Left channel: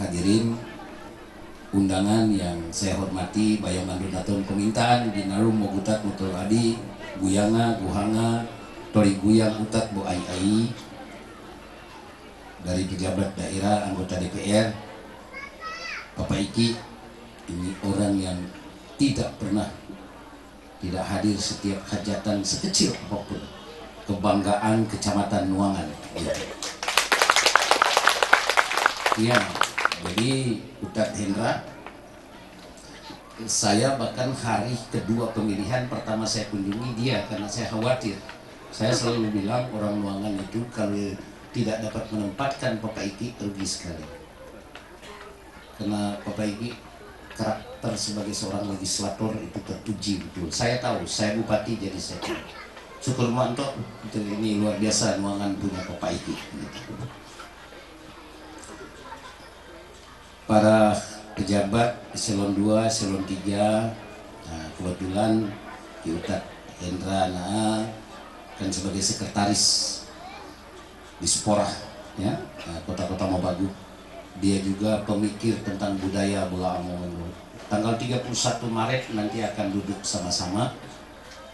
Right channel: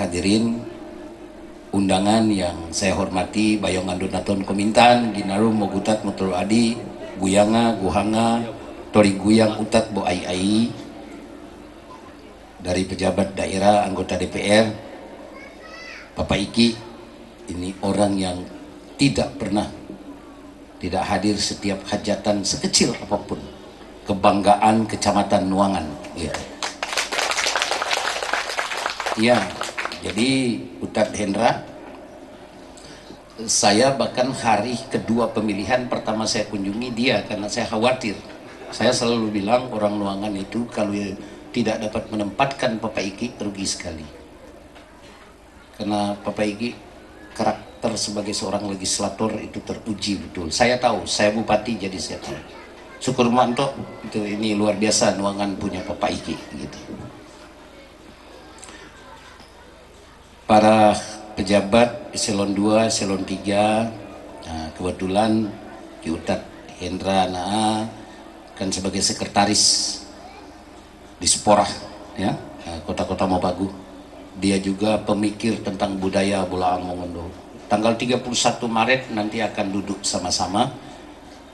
hadirin undangan yang saya hormati, Bayong Adonaton Komintan, Dinarum Mogutat Motor Adi, Guyanga, Guhanga, Tori Guyang Utat Bo Ai, dari pejabat daerah, anggota DPR, Bapak Iki, ini orang yang tidak pernah tidak hadir setiap hajatan sekecil apapun, kebanggaan Kecamatan Nuangan. Ya, jadi Utat Hendra, saya bahkan hari kedua pemilihan pertama saya kunjungi dia karena saya khawatir. Saya selalu bilang orang Nuangan itu kalau tidak dapat menempatkan Bapak Iki rugi sekali. Karena Bapak Iki karakter sebagai seorang legislator itu terpuji betul. Saya tahu, saya bupati jadi saya tahu. Syukur manto itu, ini luar biasa Nuangan punya Bapak Iki gitu. Para pejabat eselon 2, eselon 3, nah, kebetulan Ki Utat Hendra kan sebagai sekretaris di Sporah ya, kota-kota Mabagu. Dia juga pemikir tentang budaya Bola Mongondo. Tanggal 31 Maret nanti akan duduk sama-sama.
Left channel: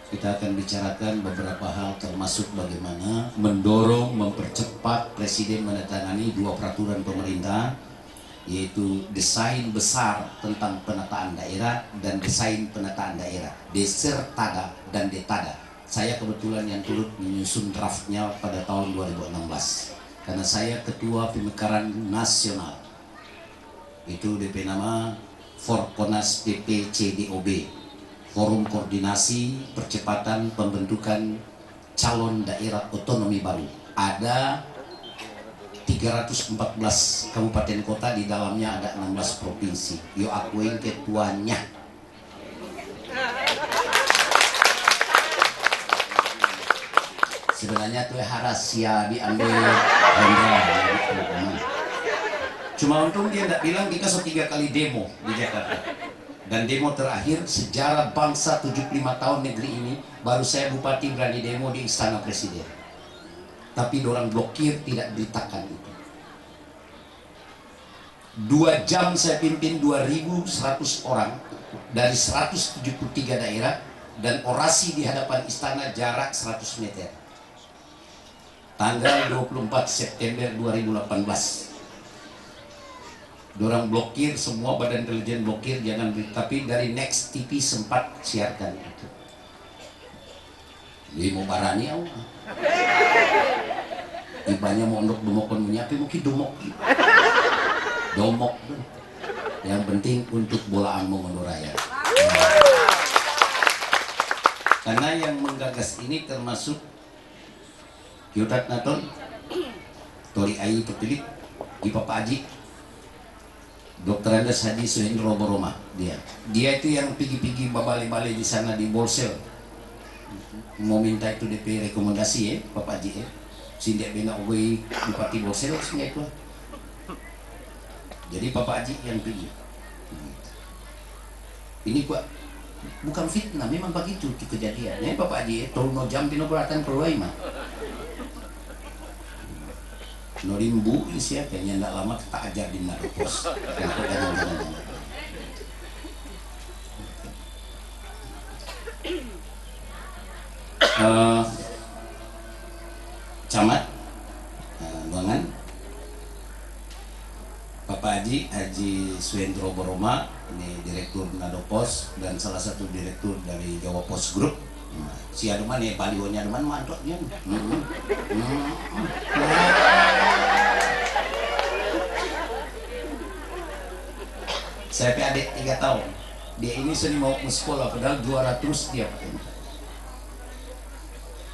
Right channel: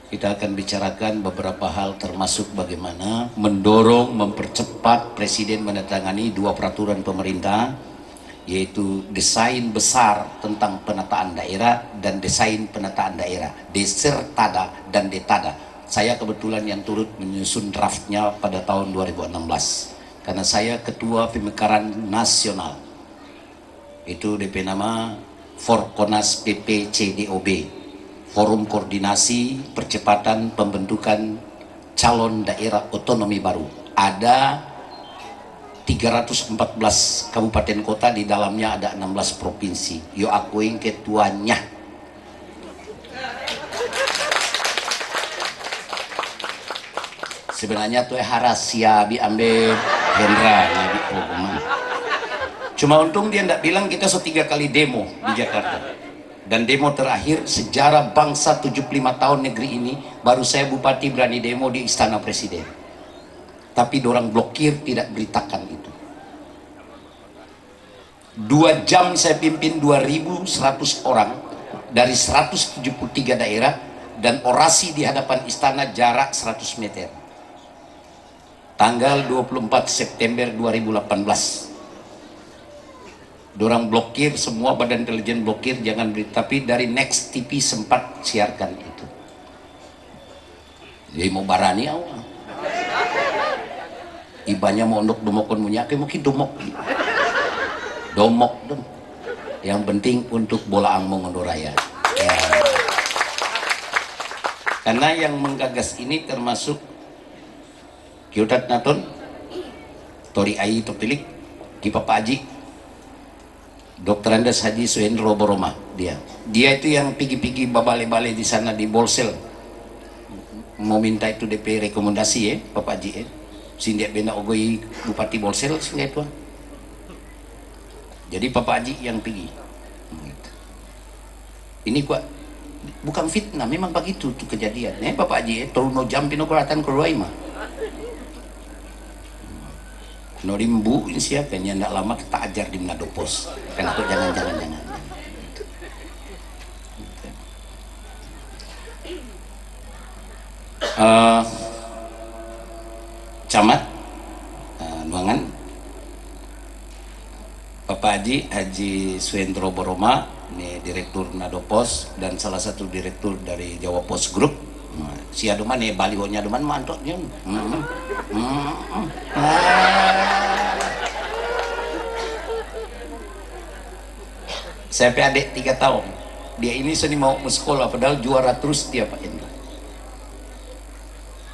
Kita akan bicarakan beberapa hal termasuk bagaimana mendorong, mempercepat Presiden menandatangani 2 peraturan pemerintah, yaitu desain besar tentang penataan daerah dan desain penataan daerah, Desertada dan Detada. Saya kebetulan yang turut menyusun draftnya pada tahun 2016 karena saya ketua pemekaran nasional. Itu DP nama Forkonas PPCDOB, Forum Koordinasi Percepatan Pembentukan Calon Daerah Otonomi Baru. Ada 314 kabupaten kota, di dalamnya ada 16 provinsi. Yo aku yang ketuanya. Sebenarnya tuh rahasia diambil Hendra ya, gitu. Cuma untung dia tidak bilang kita 3 kali demo di Jakarta. Dan demo terakhir sejarah bangsa 75 tahun negeri ini, baru saya bupati berani demo di Istana Presiden. Tapi dorang blokir, tidak beritakan itu. 2 jam saya pimpin 2.100 orang dari 173 daerah dan orasi di hadapan istana jarak 100 meter. Tanggal 24 September 2018. Dorang blokir, semua badan intelijen blokir, jangan berita. Tapi dari Next TV sempat siarkan itu. Jadi mau barani awal. Ibanya mau untuk domokon munyake mungkin domok dong. Yang penting untuk Bola Mongondo Raya. Karena yang menggagas ini termasuk Ki Utat Naton, Tori Ai terpilih, Ki Papa Haji, Dr. Andes Haji Suhendro Boroma. Dia itu yang pigi-pigi babale-bale di sana di Bolsel, mau minta itu DP rekomendasi ya Papa Haji ya. Sindia bena ogoi Bupati Bolsel sindia itu. Jadi Bapak Haji yang pergi. Ini gua bukan fitnah, memang begitu tuh kejadian. Bapak Haji tolong no jampin operatan keluar mah. No rimbu ini siapa yang ndak lama kita ajar di Manado Pos. Kenapa jangan. Camat Nuangan, Bapak Haji Suhendro Boroma, ini Direktur Manado Pos dan salah satu Direktur dari Jawa Pos Group. Si aduman nih balihonya aduman mantoknya. Saya adik 3 tahun. Dia ini seni mau ke sekolah padahal juara terus dia Pak Indu.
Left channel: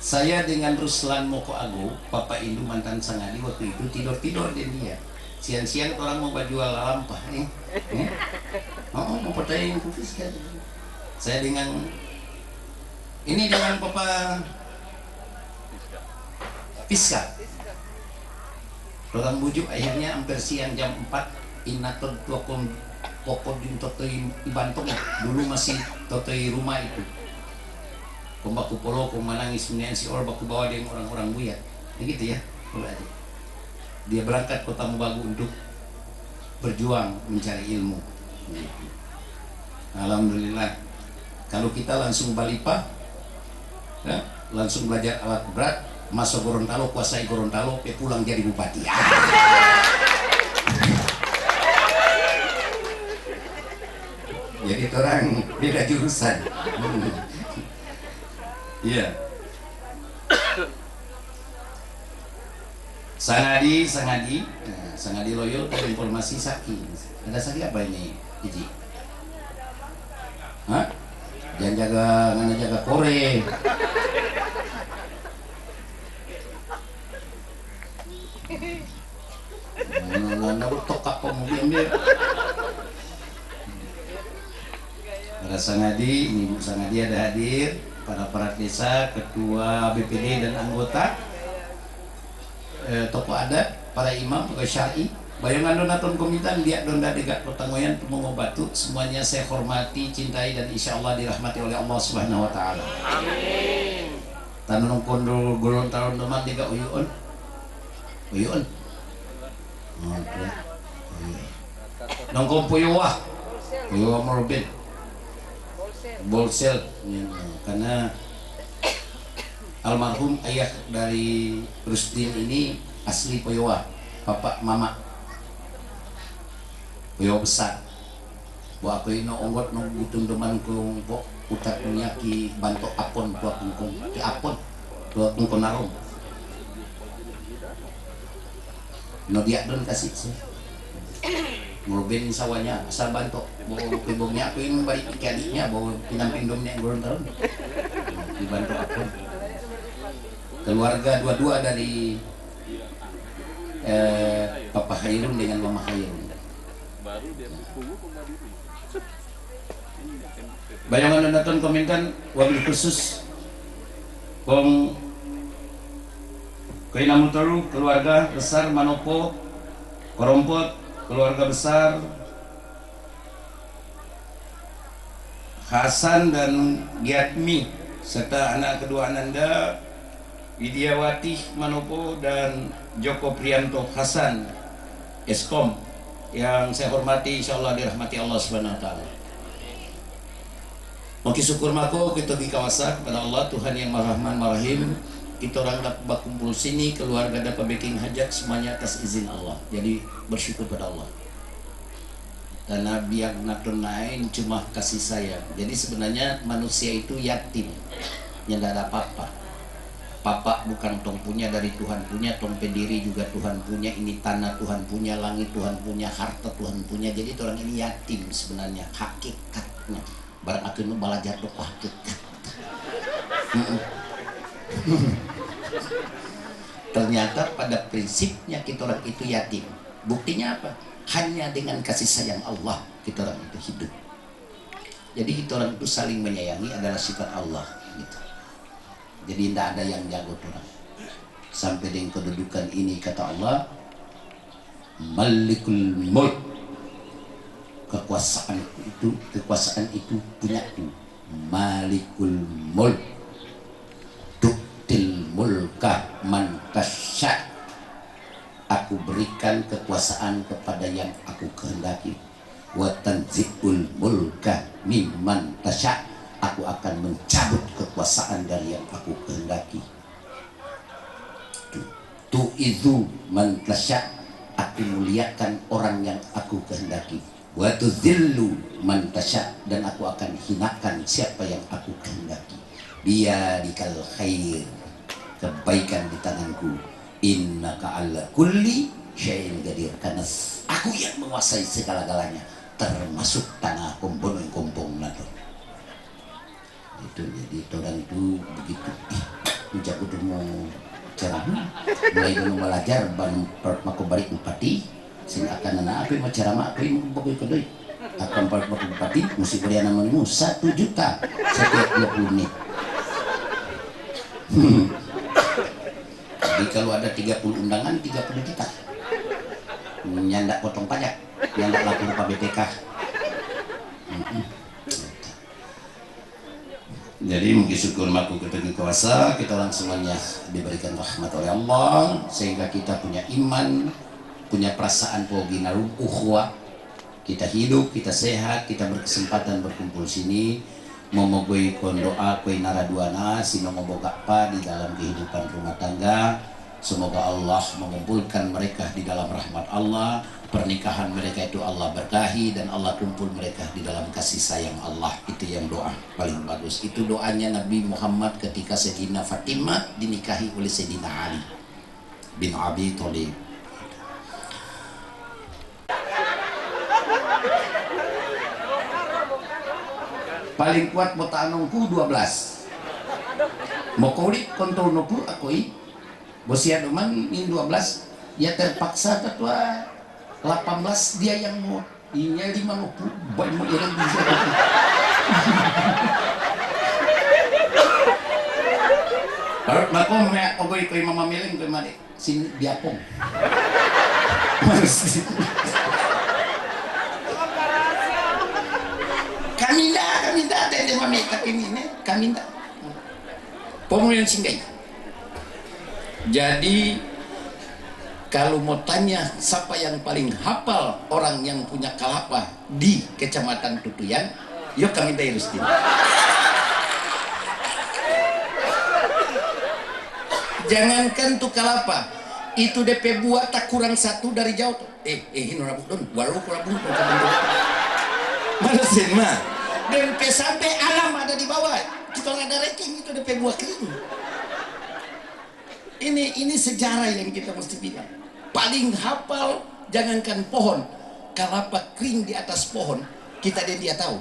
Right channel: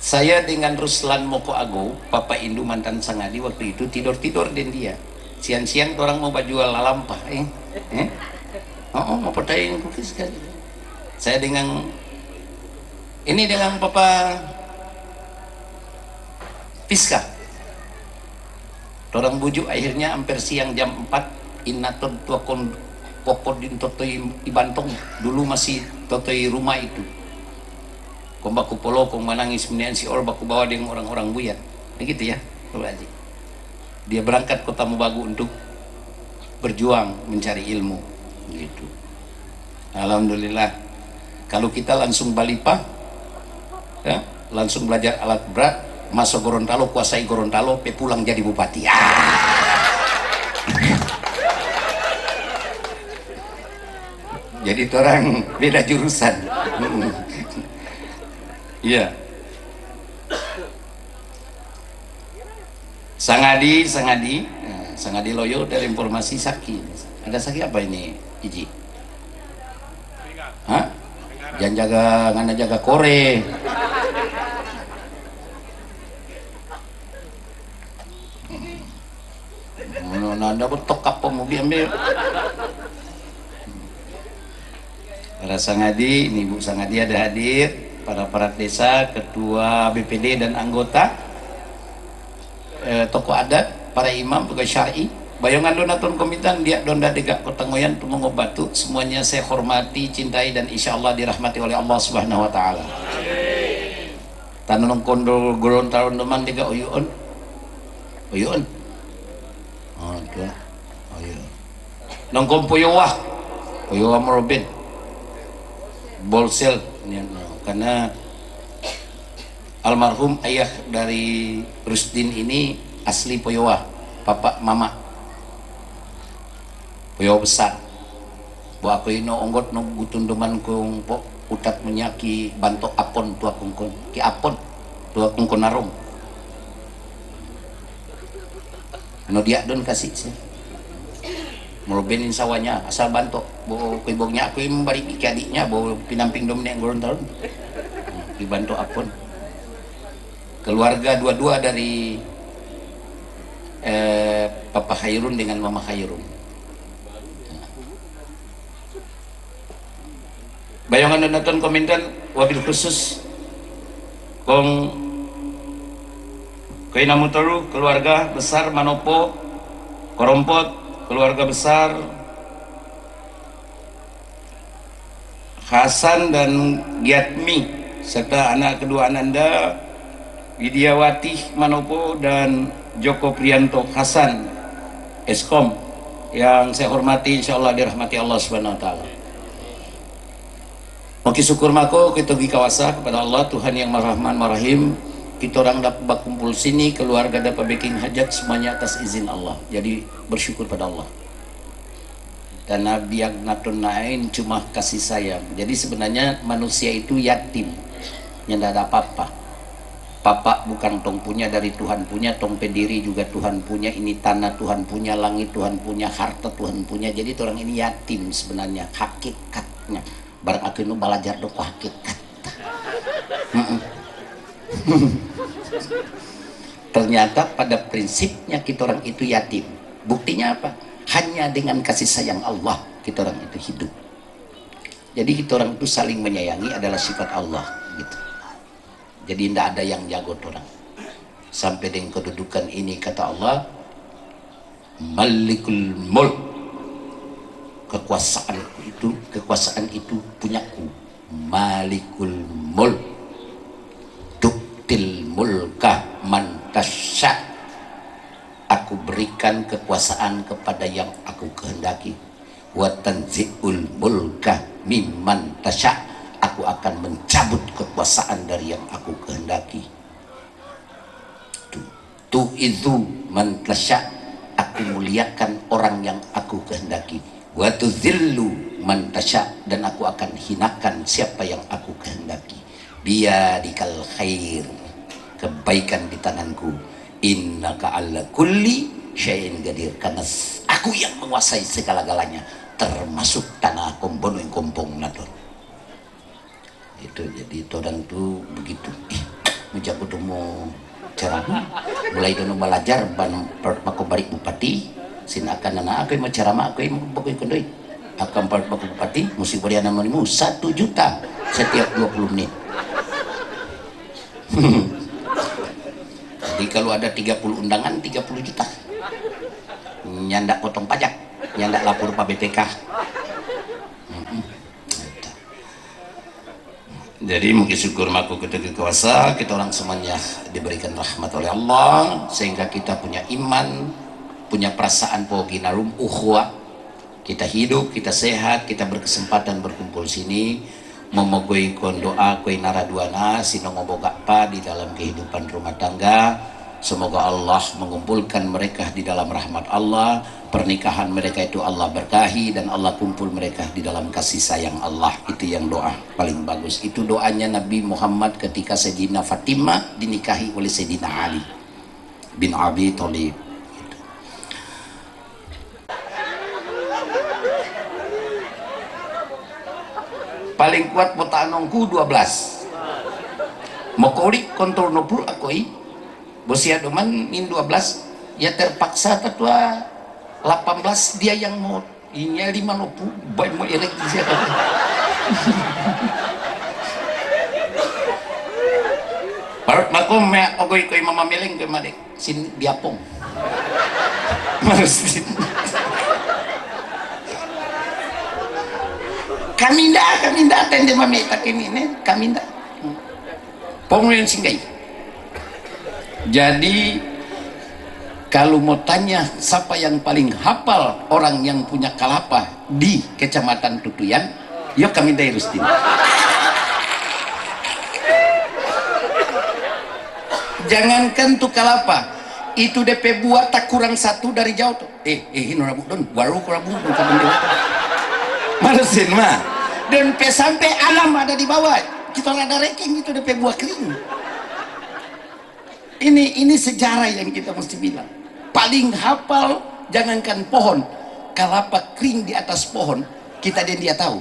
Saya dengan Ruslan Moko Ago, Papa Indu mantan Sangadi waktu itu tidur dan dia. Siang-siang orang mau jual lalampah, mau percaya kukis kan. Saya dengan Papa Piska. Orang bujuk akhirnya hampir siang jam 4 inaton tuakon pokok di totoi ibantong dulu masih totoi rumah itu. Kong baku polo kong manangis menian si or baku bawa dengan orang-orang buyat. Begitu ya, Bapak Haji. Dia berangkat kota Mabagu untuk berjuang mencari ilmu gitu. Alhamdulillah kalau kita langsung balipah ya, langsung belajar alat berat, masuk Gorontalo, kuasai Gorontalo, pulang jadi bupati. Jadi orang beda jurusan. Iya. Sangadi loyo dari informasi Saki. Ada Saki apa ini, Iji? Hah? Jangan ngana jaga kore. Nanda betok apa mau ambil? Para Sangadi, ini Bu Sangadi ada hadir, para perangkat desa, ketua BPD dan anggota, tokoh adat, para imam, pegawai syar'i, bayangan donatur komitan dia donda degak kota ngoyan tumong batu, semuanya saya hormati, cintai dan insya Allah dirahmati oleh Allah Subhanahu Wa Taala. Amin. Tanung kondol Gorontalo teman degak uyun. Ada. Nongkom puyuwah merobin. Bolsel karena almarhum ayah dari Rusdin ini asli Poyowa, papa mama Poyowa besar. Buat aku ino onggot no gutun deman kong pok utat menyaki bantok apon tua kungkong ki apon tua kungkong narung. No dia don kasih sih. Merubinin sawahnya asal bantu bawa kuibognya aku yang membalik adiknya bawa pinamping domnya yang Gorontalo dibantu akun keluarga dua-dua dari Papa Khairun dengan Mama Khairun. Bayangan nonton komentan wabil khusus Bong Koina Mutaru keluarga besar Manopo Korompot, keluarga besar Hasan dan Giatmi serta anak kedua Ananda Widiawati Manopo dan Joko Prianto Hasan Eskom yang saya hormati, insyaallah dirahmati Allah Subhanahu Wa Taala. Maki syukur mako kita gi kawasa kepada Allah Tuhan yang Maha Rahman Maha Rahim. Kita orang dapat berkumpul sini, keluarga dapat bikin hajat semuanya atas izin Allah. Jadi bersyukur pada Allah. Karena biak natun nain cuma kasih sayang. Jadi sebenarnya manusia itu yatim, yang tidak ada apa-apa. Papa bukan tong punya, dari Tuhan punya, tong pendiri juga Tuhan punya, ini tanah Tuhan punya, langit Tuhan punya, harta Tuhan punya. Jadi orang ini yatim sebenarnya hakikatnya. Barang aku nu belajar doa hakikat. Ternyata pada prinsipnya kita orang itu yatim. Buktinya apa? Hanya dengan kasih sayang Allah kita orang itu hidup. Jadi kita orang itu saling menyayangi adalah sifat Allah gitu. Jadi tidak ada yang jago orang. Sampai dengan kedudukan ini kata Allah, Malikul Mulk, kekuasaan itu punyaku. Malikul Mulk, tuktil mulka man tasya, aku berikan kekuasaan kepada yang aku kehendaki. Wa tanzi'ul mulka mimman tasya, aku akan mencabut kekuasaan dari yang aku kehendaki. Tu itu man tasya, aku muliakan orang yang aku kehendaki. Wa tuzillu man tasya, dan aku akan hinakan siapa yang aku kehendaki. Biyadikal khair, kebaikan di tanganku. Innaka ala kulli syai'in qadir, karena aku yang menguasai segala-galanya, termasuk tanah kombono yang kompong nador. Itu jadi orang tuh begitu. Mujak udah mau ceramah, mulai dulu belajar ban mako balik bupati, sin akan anak aku mau ceramah, aku mau bagai kedoi. Akan part mako bupati, mesti beri namanya 1 juta setiap 20 menit. Jadi kalau ada 30 undangan 30 juta. Nyandak potong pajak, nyandak lapor Pak BPK. Jadi mungkin syukur maku ketika kuasa kita orang semuanya diberikan rahmat oleh Allah sehingga kita punya iman, punya perasaan pohon ginarum ukhuwah, kita hidup, kita sehat, kita berkesempatan berkumpul sini, memogoi kon doa koi naraduana sinomoboga pa di dalam kehidupan rumah tangga. Semoga Allah mengumpulkan mereka di dalam rahmat Allah, pernikahan mereka itu Allah berkahi, dan Allah kumpul mereka di dalam kasih sayang Allah. Itu yang doa paling bagus. Itu doanya Nabi Muhammad ketika Sayyidina Fatimah dinikahi oleh Sayyidina Ali bin Abi Thalib. Paling kuat botanongku 12. Mokori kontrol nopur akoi Bosia Doman min 12, ya terpaksa ketua 18 dia yang mau inya 50 boy mau ireng di sini. Harus mako me ogoy koy mama meleng ke mari sin biapong. Kaminda tende mami takini ne kaminda. Pongren singgai. Jadi kalau mau tanya siapa yang paling hafal orang yang punya kalapa di Kecamatan Tutuyan, yuk kami dari Rustin. Jangankan tuh kalapa, itu DP buat tak kurang satu dari jauh tuh. Nona Budon, baru kurang bung malesin mah. Dan sampai alam ada di bawah. Kita ada ranking itu DP buah kering. Ini sejarah yang kita mesti bilang. Paling hafal, jangankan pohon, kalapa kering di atas pohon, kita dan dia tahu.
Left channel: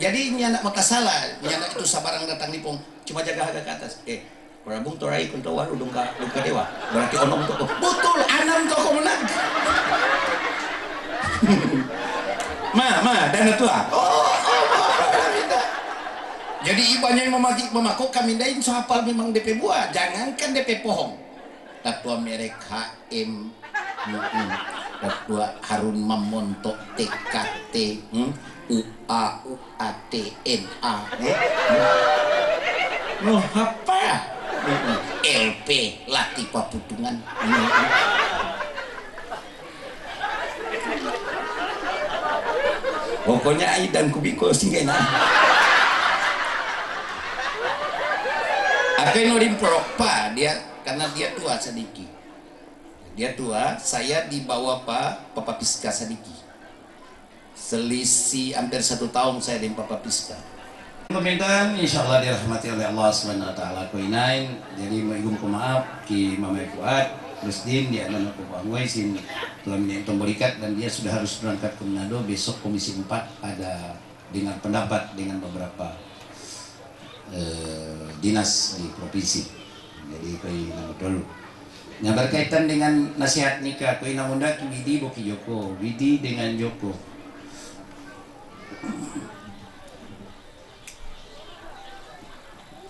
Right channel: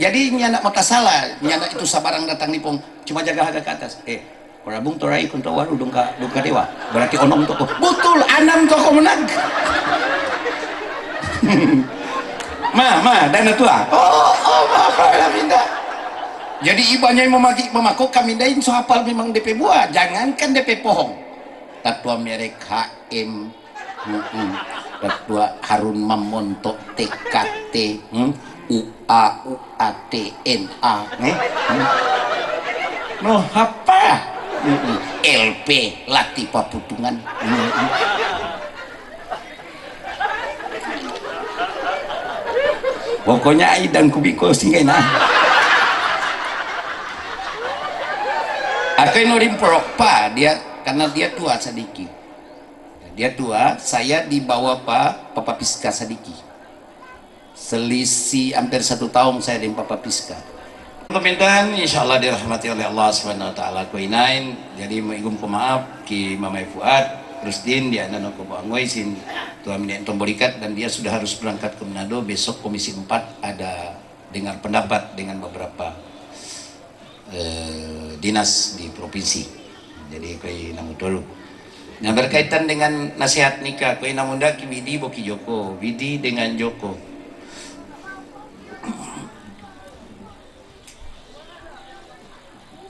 Jadi ini anak mata salah, ini anak itu sabarang datang nih pong, cuma jaga harga ke atas. Korabung torai kuntawan udungka dewa. Berarti onom toko. Betul, anam toko menang. Dana tua. Minta. Jadi ibanya yang memaku kami dain so hafal memang DP buah, jangankan DP pohon. Tatua merek HM, tatua Harun Mamonto TKT, UA UATNA, no apa? LP Latifa Putungan. Pokoknya dan kubiko singgena. Aku nurim propa dia karena dia tua sedikit. Dia tua, saya di bawah Papa Piska sedikit. Selisih hampir 1 tahun saya dengan Papa Piska. Kemudian insyaallah dirahmati oleh Allah Subhanahu wa taala kuinain. Jadi maigum pemaaf ki Mamai Fuad, Rusdin dia anak aku angoi sin Tuhan minta tomborikat, dan dia sudah harus berangkat ke Manado besok Komisi 4 ada dengar pendapat dengan beberapa dinas di provinsi. Jadi koi namun dulu. Yang berkaitan dengan nasihat nikah, koi namun dah Widi boki Joko, Widi dengan Joko.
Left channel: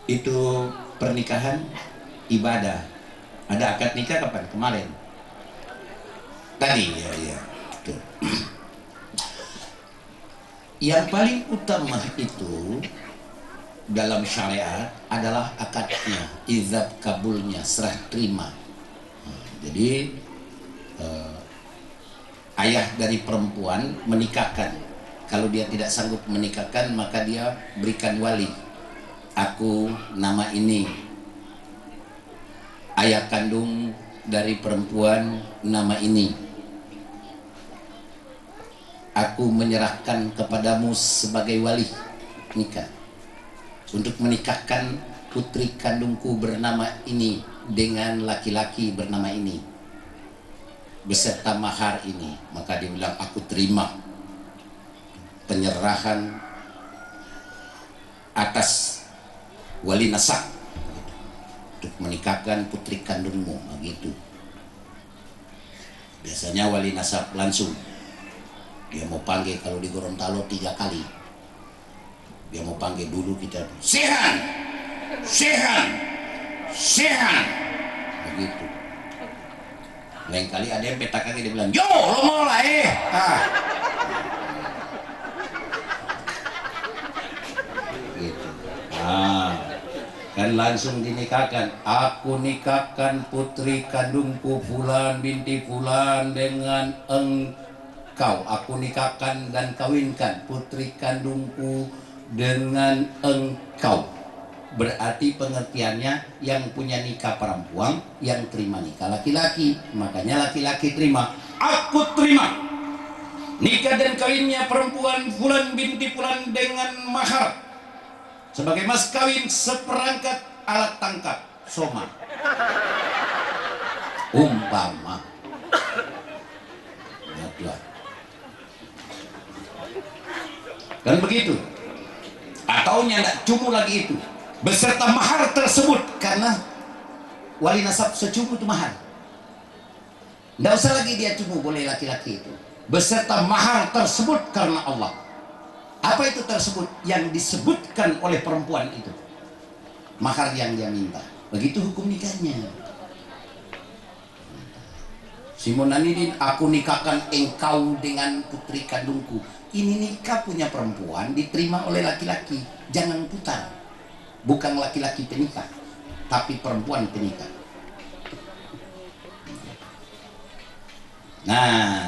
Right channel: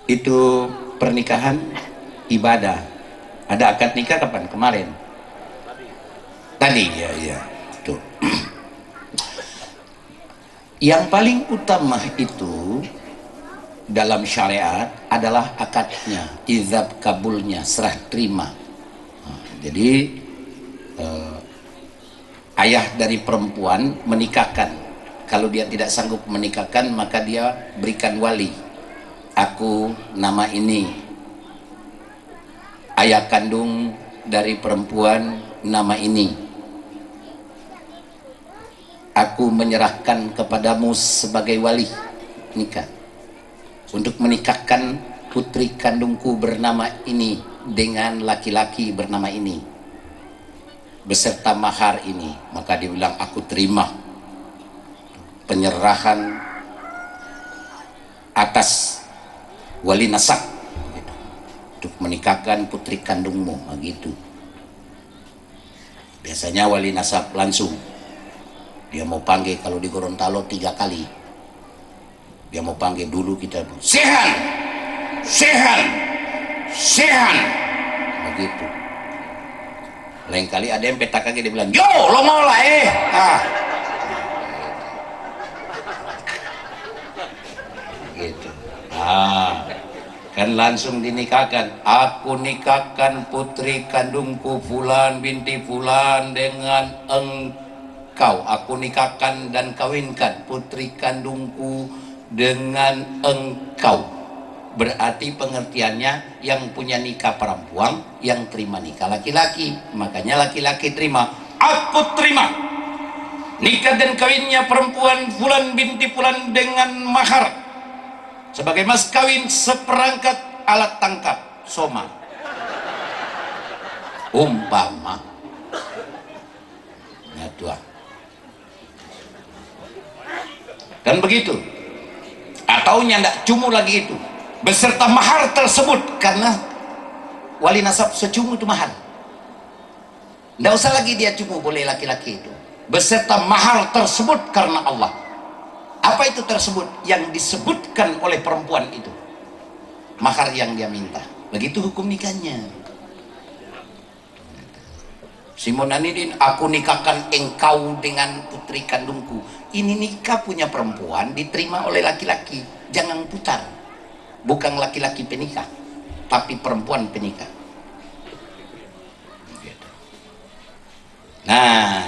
Itu pernikahan ibadah. Ada akad nikah kapan? Kemarin. Tadi ya. Tuh. Yang paling utama itu dalam syariat adalah akadnya, izab kabulnya, serah terima. Jadi ayah dari perempuan menikahkan. Kalau dia tidak sanggup menikahkan, maka dia berikan wali. Aku nama ini. Ayah kandung dari perempuan nama ini. Aku menyerahkan kepadamu sebagai wali nikah untuk menikahkan putri kandungku bernama ini dengan laki-laki bernama ini beserta mahar ini. Maka dia bilang aku terima penyerahan atas wali nasab gitu, untuk menikahkan putri kandungmu begitu. Biasanya wali nasab langsung dia mau panggil, kalau di Gorontalo 3 kali dia mau panggil dulu kita sehan begitu. Lain kali ada yang petak kaki dia bilang yo lo mau lah gitu. kan langsung dinikahkan. Aku nikahkan putri kandungku Fulan binti Fulan dengan engkau. Aku nikahkan dan kawinkan putri kandungku dengan engkau. Berarti pengertiannya yang punya nikah perempuan, yang terima nikah laki-laki. Makanya laki-laki terima, aku terima nikah dan kawinnya perempuan Fulan binti Fulan dengan mahar sebagai mas kawin seperangkat alat tangkap soma. Umpama ya Tuhan, dan begitu. Atau nyandak cumu lagi itu beserta mahar tersebut, karena wali nasab secumu itu mahar. Tidak usah lagi dia cumu, boleh laki-laki itu beserta mahar tersebut karena Allah. Apa itu tersebut? Yang disebutkan oleh perempuan itu, mahar yang dia minta. Begitu hukum nikahnya. Simon Anidin, aku nikahkan engkau dengan putri kandungku. Ini nikah punya perempuan diterima oleh laki-laki. Jangan putar. Bukan laki-laki penikah, tapi perempuan penikah. Nah,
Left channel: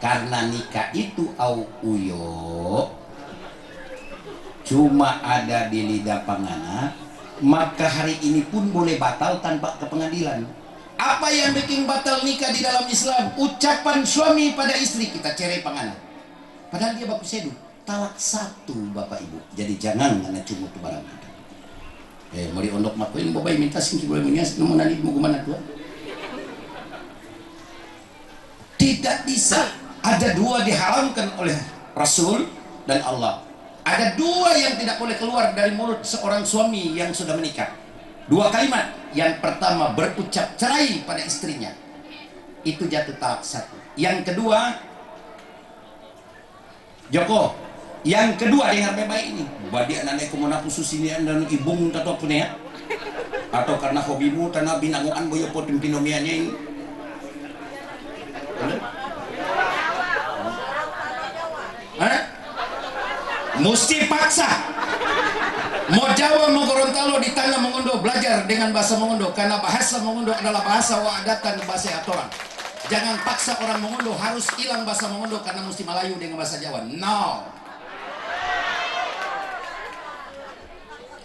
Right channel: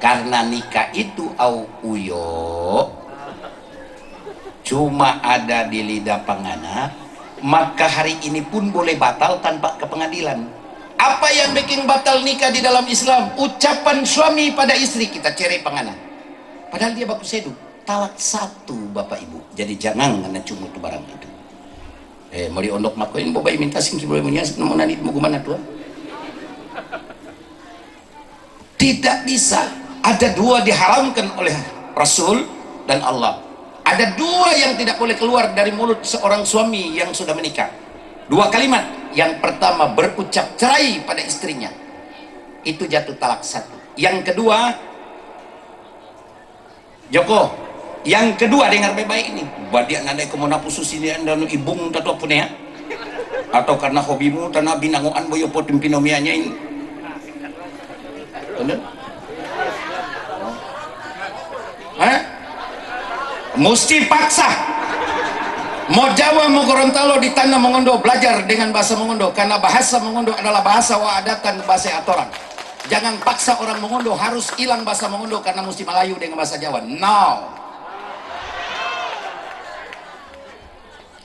karena nikah itu au uyo cuma ada di lidah pangana, maka hari ini pun boleh batal tanpa ke pengadilan. Apa yang bikin batal nikah di dalam Islam? Ucapan suami pada istri, kita cerai pangana. Padahal dia baku sedu, talak satu Bapak Ibu. Jadi jangan ngana cuma itu barang itu. Mau diondok makuin, bobai minta singki boleh punya, namun nanti mau kemana Tuhan? Tidak bisa. Ada dua diharamkan oleh Rasul dan Allah. Ada dua yang tidak boleh keluar dari mulut seorang suami yang sudah menikah. Dua kalimat. Yang pertama berucap cerai pada istrinya, itu jatuh talak satu. Yang kedua, Joko, yang kedua dengar baik-baik ini. Badia nandai kemana khusus ini anda nu ibung tato punya ya? Atau karena hobimu tanah binangoan boyo potim pinomianya ini. Mesti paksa. Mau Jawa mau Gorontalo di tanah Mongondo belajar dengan bahasa Mongondo, karena bahasa Mongondo adalah bahasa waadatan, bahasa atoran. Jangan paksa orang Mongondo harus hilang bahasa Mongondo karena mesti Melayu dengan bahasa Jawa. No.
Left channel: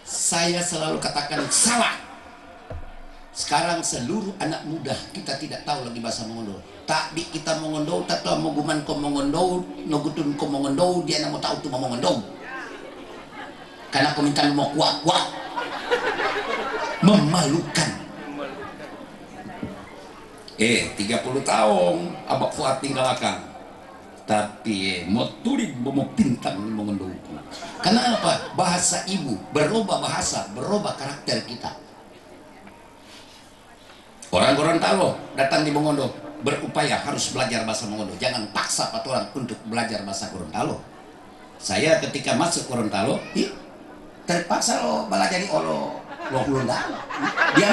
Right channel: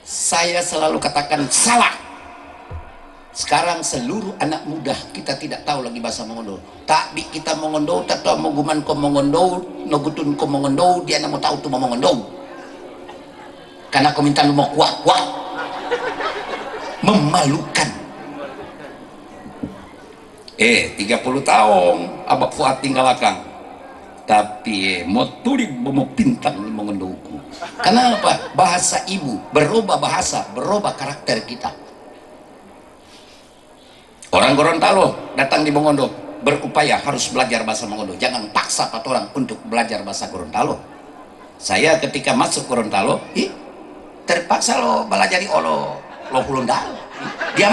Saya selalu katakan salah. Sekarang seluruh anak muda kita tidak tahu lagi bahasa Mongondo. Tapi kita Mongondo, tak tahu mau guman ko Mongondo, nogutun ko Mongondo, dia nak mau tahu tu mau Mongondo. Karena kau minta lu mau kuat-kuat. Memalukan. 30 tahun Abah Fuad tinggalkan. Tapi mau tulis mau pintang mau ngenduku. Kenapa? Bahasa ibu berubah bahasa, berubah karakter kita. Orang Gorontalo datang di Mongondo berupaya harus belajar bahasa Mongondo. Jangan paksa orang untuk belajar bahasa Gorontalo. Saya ketika masuk Gorontalo, terpaksa lo belajar di lo Gorontalo. Dia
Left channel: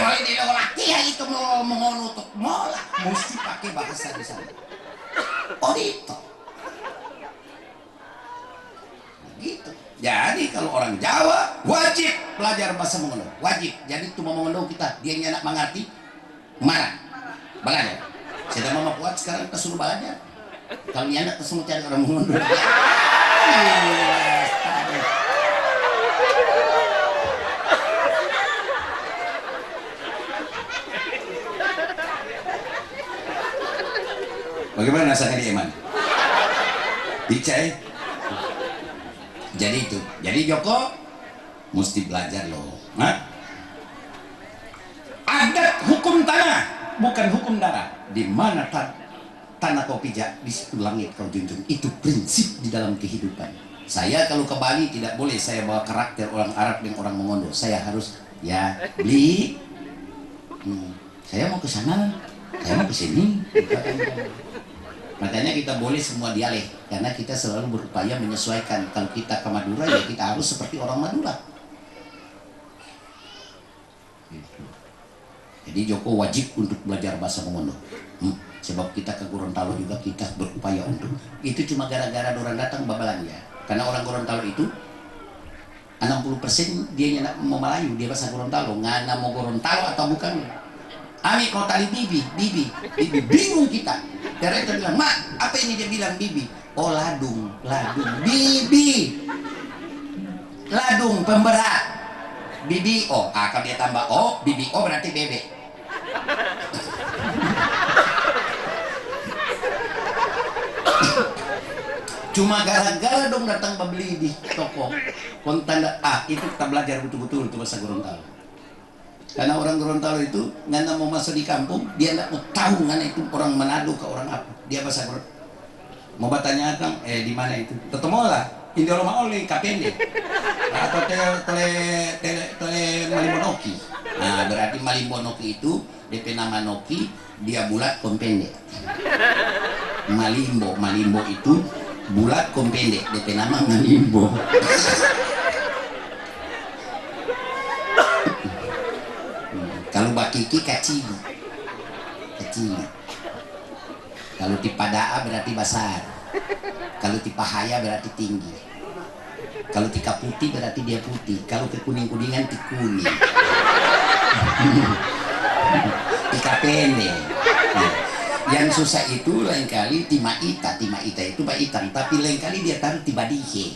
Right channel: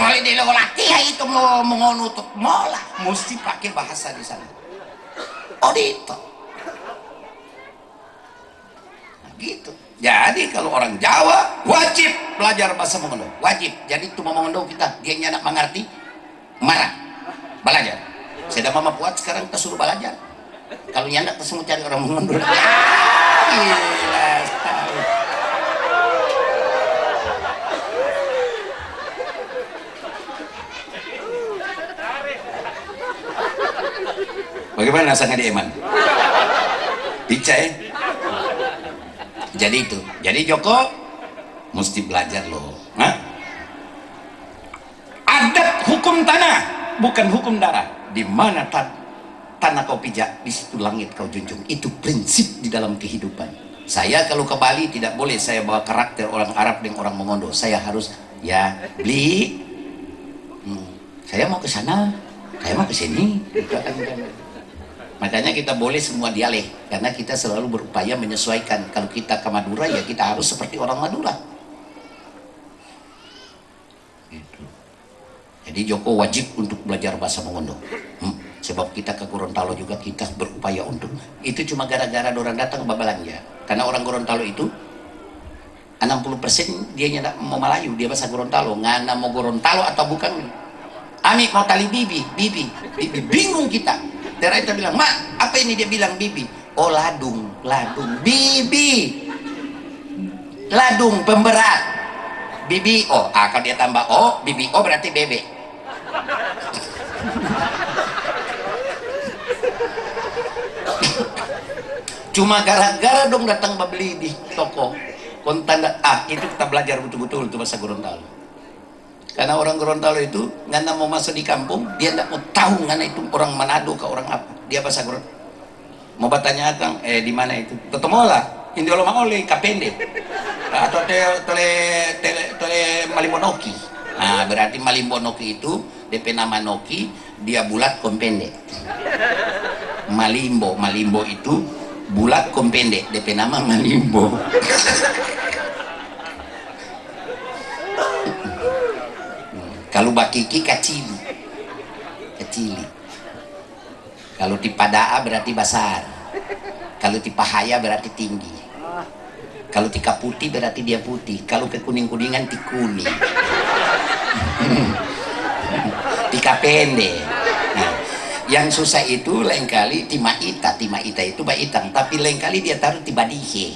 mau ini lo laki itu lo mengonutuk mola, mesti pakai bahasa di sana. Oh itu. Nah, gitu. Jadi kalau orang Jawa wajib belajar bahasa Mongondo, wajib. Jadi itu Mongondo kita, dia nyanak mengerti, marah, belajar. Saya mama buat sekarang kita suruh belajar. Kalau nyanak kita semua cari orang Mongondo. Bagaimana rasanya di Eman? Dicai. Jadi itu. Jadi Joko mesti belajar loh. Adat hukum tanah, bukan hukum darah. Di mana tanah kau pijak, di situ langit kau junjung. Itu prinsip di dalam kehidupan. Saya kalau ke Bali tidak boleh saya bawa karakter orang Arab dengan orang Mongondo. Saya harus ya beli. Saya mau ke sana, saya mau ke sini. Makanya kita boleh semua dialek, karena kita selalu berupaya menyesuaikan. Kalau kita ke Madura ya kita harus seperti orang Madura. Gitu. Jadi Joko wajib untuk belajar bahasa Mongondo. Sebab kita ke Gorontalo juga kita berupaya untuk. Itu cuma gara-gara orang datang babelanja. Karena orang Gorontalo itu 60% dia nyana mau Melayu, dia bahasa Gorontalo. Ngana mau Gorontalo atau bukan? Ami mau tali bibi, bibi, bibi. Bingung kita. Daerah itu bilang, mak, apa ini? Dia bilang bibi. Oh, ladung, ladung, bibi, ladung pemberat, bibi. Oh, kalau dia tambah oh, bibi. Oh, berarti bebek. Cuma gara-gara dong datang membeli di toko kontan, itu kita belajar betul-betul itu bahasa Gorontalo. Karena orang Gorontalo itu ngana mau masuk di kampung, dia tidak mau tahu ngana itu orang Manado ke orang apa. Dia bahasa Gorontalo. Mau bertanya Kang, di mana itu? Ketemu lah, Indio Loma Oli, Kapende. Atau tele Malimbonoki. Nah, berarti Malimbonoki itu DP nama Noki, dia bulat kompende. Malimbo itu bulat kompende, DP nama Malimbo. Kalau bakiki kacili, kalau tipadaa berarti besar, kalau tipahaya berarti tinggi, kalau tika putih berarti dia putih, kalau ke kuning-kuningan tikuning. Tika pendek. Nah, yang susah itu lain kali timaita itu baitang, tapi lain kali dia taruh di badihe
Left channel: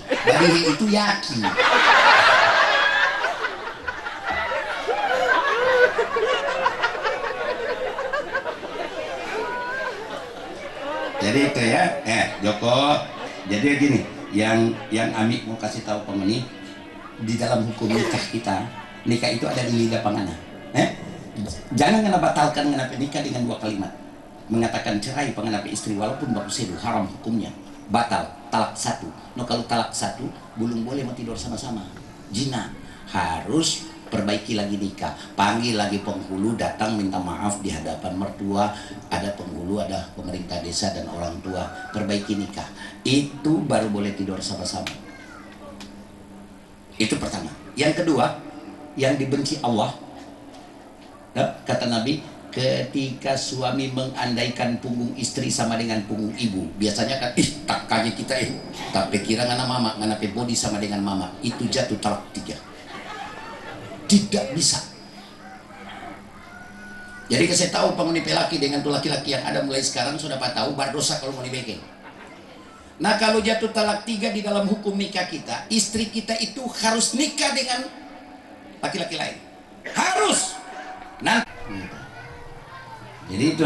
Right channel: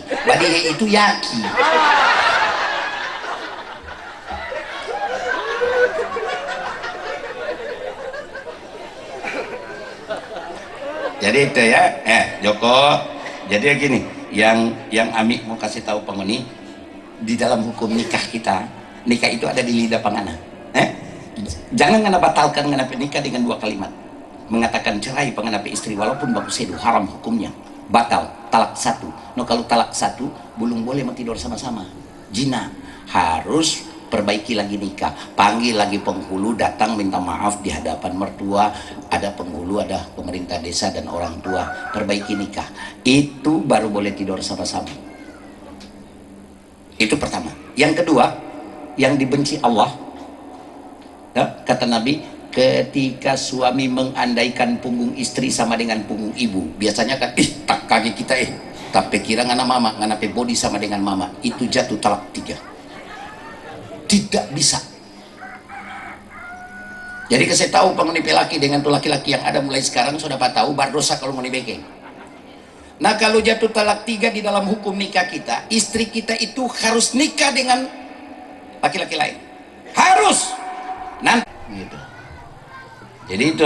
itu yaki. Jadi itu ya, Joko. Jadi gini, yang Ami mau kasih tahu penghuni di dalam hukum nikah kita, nikah itu ada di lidah pangana. Jangan ngana batalkan ngana nikah dengan dua kalimat. Mengatakan cerai pengenapa istri walaupun bagus itu haram hukumnya, batal talak satu. No, kalau talak satu belum boleh tidur sama-sama, jina. Harus perbaiki lagi nikah, panggil lagi penghulu, datang minta maaf di hadapan mertua, ada penghulu, ada pemerintah desa dan orang tua, perbaiki nikah. Itu baru boleh tidur sama-sama. Itu pertama. Yang kedua, yang dibenci Allah, kata Nabi, ketika suami mengandaikan punggung istri sama dengan punggung ibu, biasanya kan tak kaki kita tapi kira ngana mama, ngana body sama dengan mama, itu jatuh talak 3. Tidak bisa. Jadi saya tahu penghuni laki dengan tuh laki-laki yang ada mulai sekarang sudah tahu berdosa kalau mau dibeke. Nah, kalau jatuh talak 3 di dalam hukum nikah kita, istri kita itu harus nikah dengan laki-laki lain, harus nanti gitu. Jadi itu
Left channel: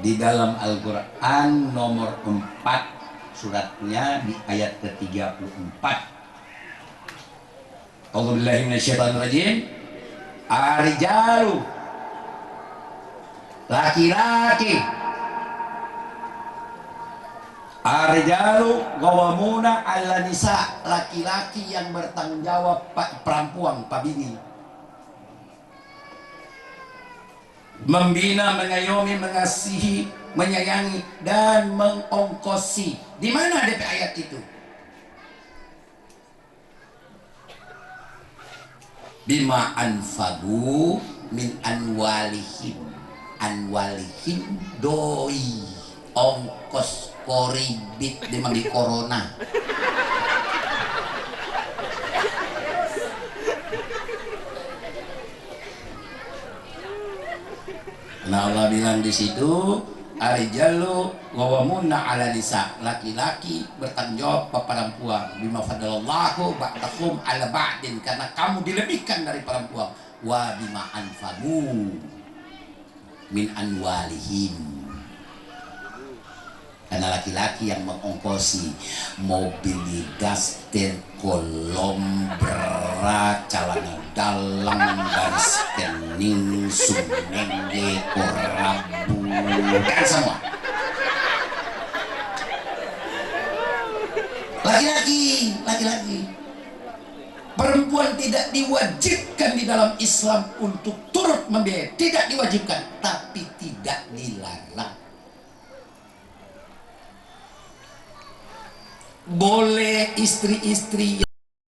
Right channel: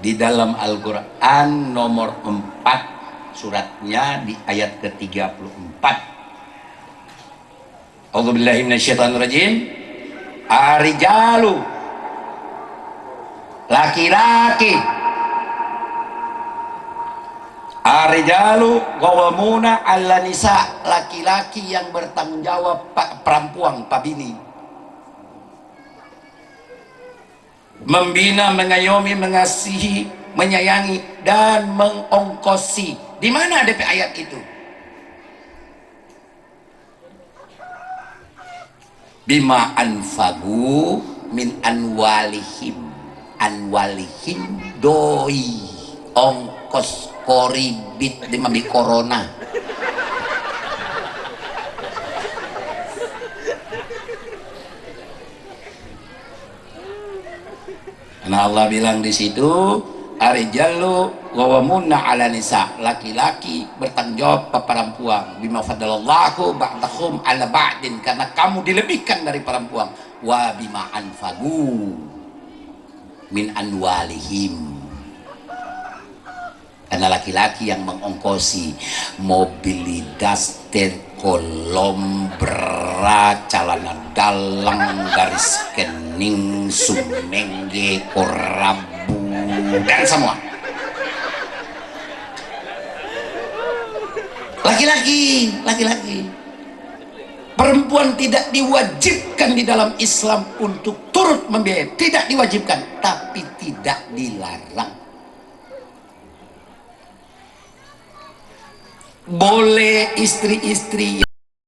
di dalam Al-Quran nomor 4 suratnya di ayat ke-34. A'udzubillahi minasyaitonirrajim. Arijalu, laki-laki, arijalu qawwamuna 'ala nisa, laki-laki yang bertanggung jawab perempuan, pabini, membina, mengayomi, mengasihi, menyayangi dan mengongkosi. Di mana DP ayat itu? Bima anfagu min anwalihim, doi ongkos koribit di mami corona. Nah, Allah bilang di situ, arijalu qawwamuna 'ala nisa, laki-laki bertanggung jawab ke perempuan, bima fadalallahu ba'dahum 'ala ba'din, karena kamu dilebihkan dari perempuan, wa bima anfagu min anwalihim, karena laki-laki yang mengongkosi mobil daster, kolom, berat, celana dalam, garis kening, sumenge, korabu, dan semua. Laki-laki. Perempuan tidak diwajibkan di dalam Islam untuk turut membiayai, tidak diwajibkan, tapi tidak dilarang. Boleh istri-istri